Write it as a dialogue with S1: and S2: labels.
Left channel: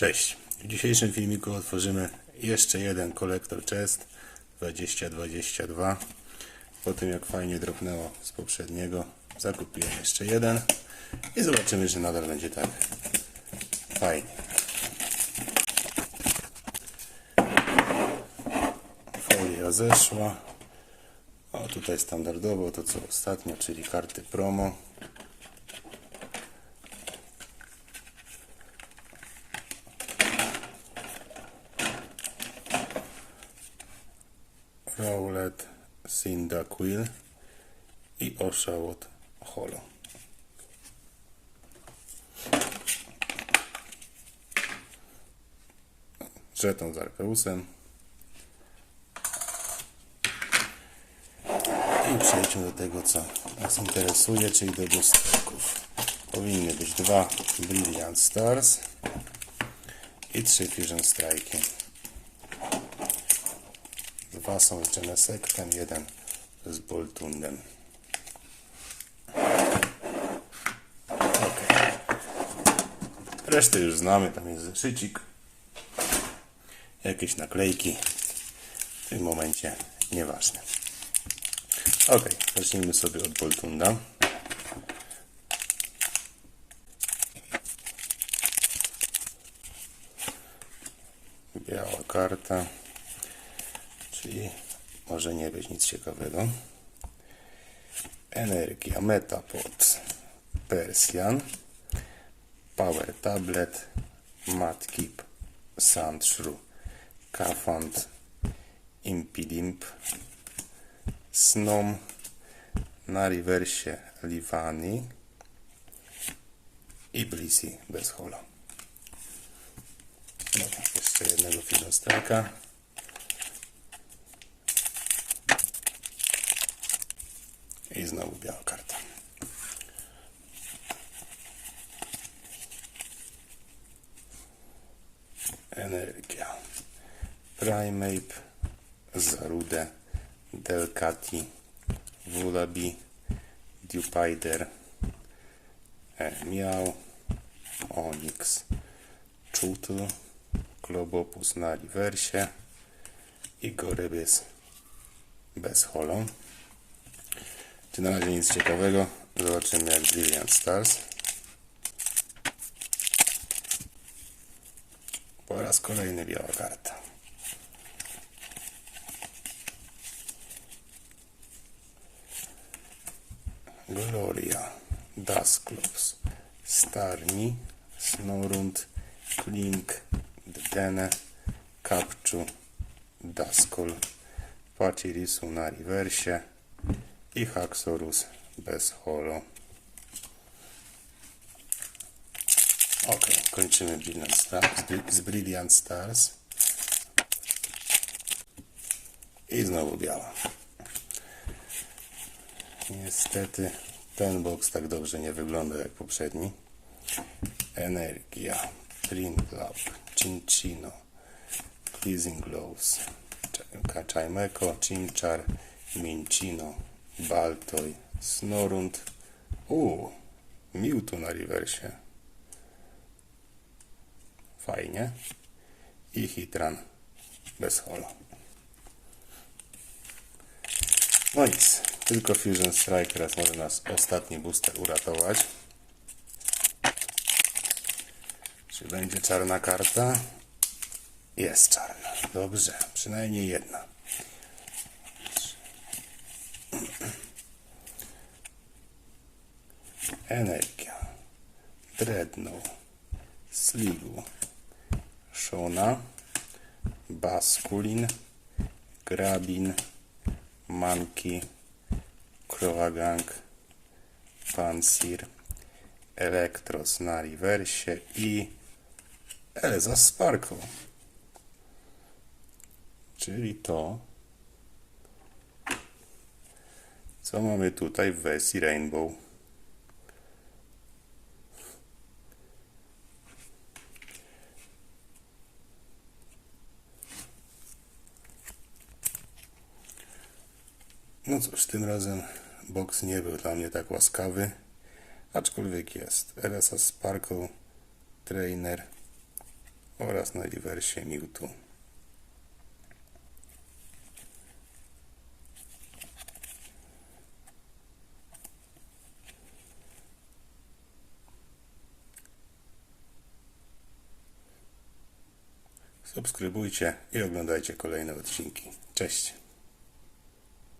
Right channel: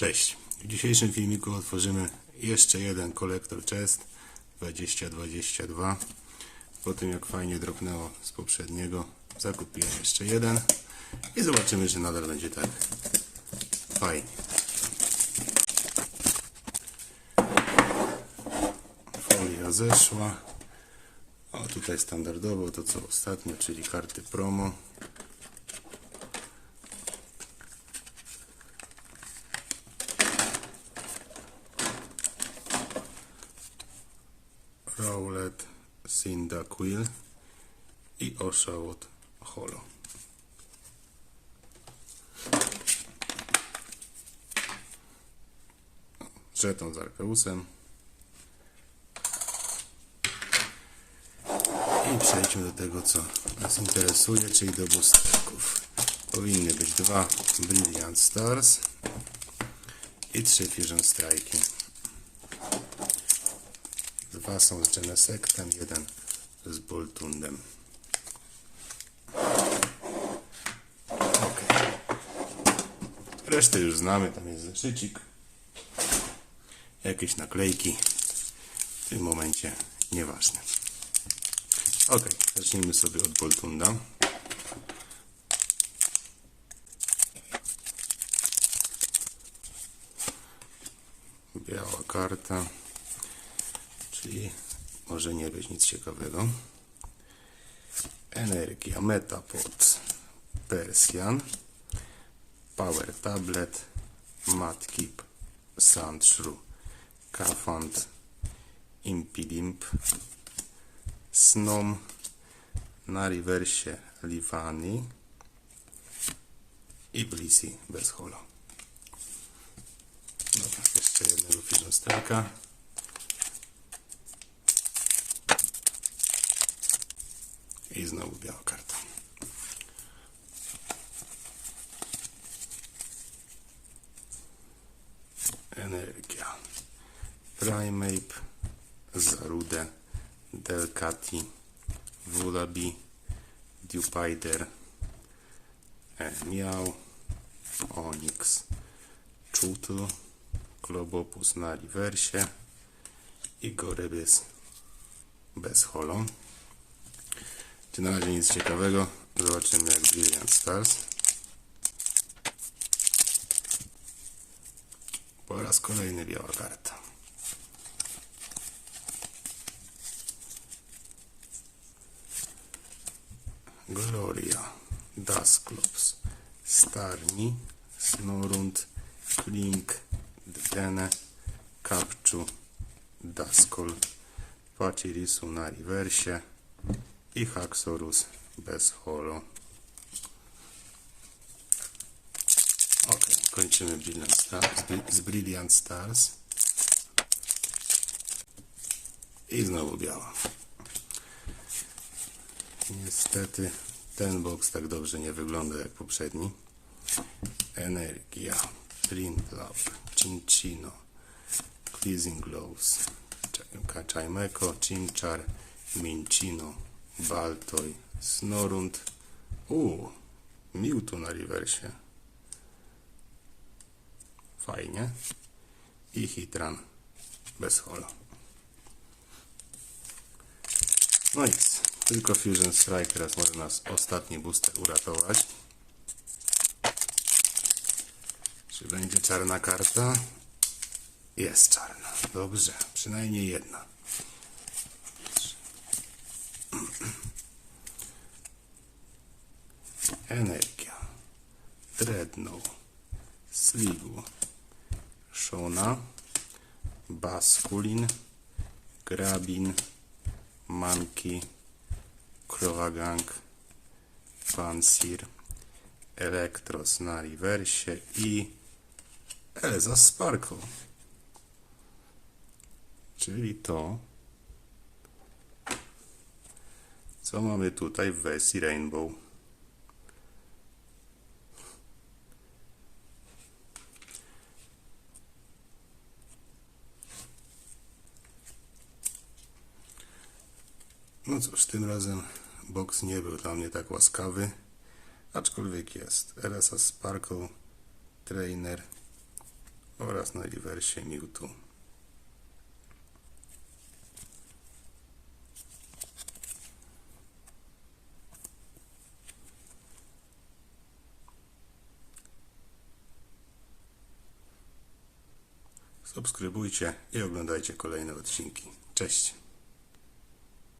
S1: Cześć. W dzisiejszym filmiku otworzymy jeszcze jeden kolektor chest 2022. Po tym jak fajnie dropnęło z poprzedniego, zakupiłem jeszcze jeden i zobaczymy, że nadal będzie tak fajnie. Folia zeszła. O, tutaj standardowo to co ostatnio, czyli karty promo. Rowlet, Cyndaquil i Oshawott Holo. Żeton z Arkeusem. I przejdźmy do tego, co nas interesuje, czyli do boosterków. Powinny być dwa Brilliant Stars i trzy Fusion Strike'y. Są z Genesectem, jeden z Boltundem. Ok. Resztę już znamy, tam jest zeszycik. Jakieś naklejki. W tym momencie nieważne. Ok, zacznijmy sobie od Boltunda. Biała karta, czyli może nie być nic ciekawego. Energia Metapod Persian Power Tablet Matkip Sandshrew Kafant Impidimp Snom na rewersie Livani i Blissey bez holo. Dobra, jeszcze jednego Strike'a. I znowu biała karta. Energia. Primeape, Zarude, Delcati, Wulabi, Dupider, Miał, Onyx, Czutl, Globopus na rewersie i Gorybys bez holo. Na razie nic ciekawego? Zobaczymy jak Brilliant Stars. Po raz kolejny biała karta. Gloria, Dusclops, Starni, Snorund, Klink, Dene, Kapczu, Daskol, Pachirisu na rewersie i Haxorus bez holo. Ok, kończymy Brilliant Stars, z Brilliant Stars. I znowu biała. Niestety ten box tak dobrze nie wygląda jak poprzedni. Energia, Printlab, Cinchino, Pleasing Gloves, Chimeko, Chimchar, Minchino, Baltoj, Snorund, uuu, Mewtwo na rewersie. Fajnie. I Hitran bez holo. No nic, tylko Fusion Strike teraz może nas ostatni booster uratować. Czy będzie czarna karta? Jest czarna. Dobrze, przynajmniej jedna. Energia, Dreadnought, Sligu, Shona, Baskulin, Grabin, Monkey, Kroagang, Pansir, Elektros na rewersie i Elza Sparkle. Czyli to, co mamy tutaj w wersji Rainbow. No cóż, tym razem boks nie był dla mnie tak łaskawy, aczkolwiek jest. RSA Sparkle, Trainer oraz na rewersie Mewtwo. Subskrybujcie i oglądajcie kolejne odcinki. Cześć!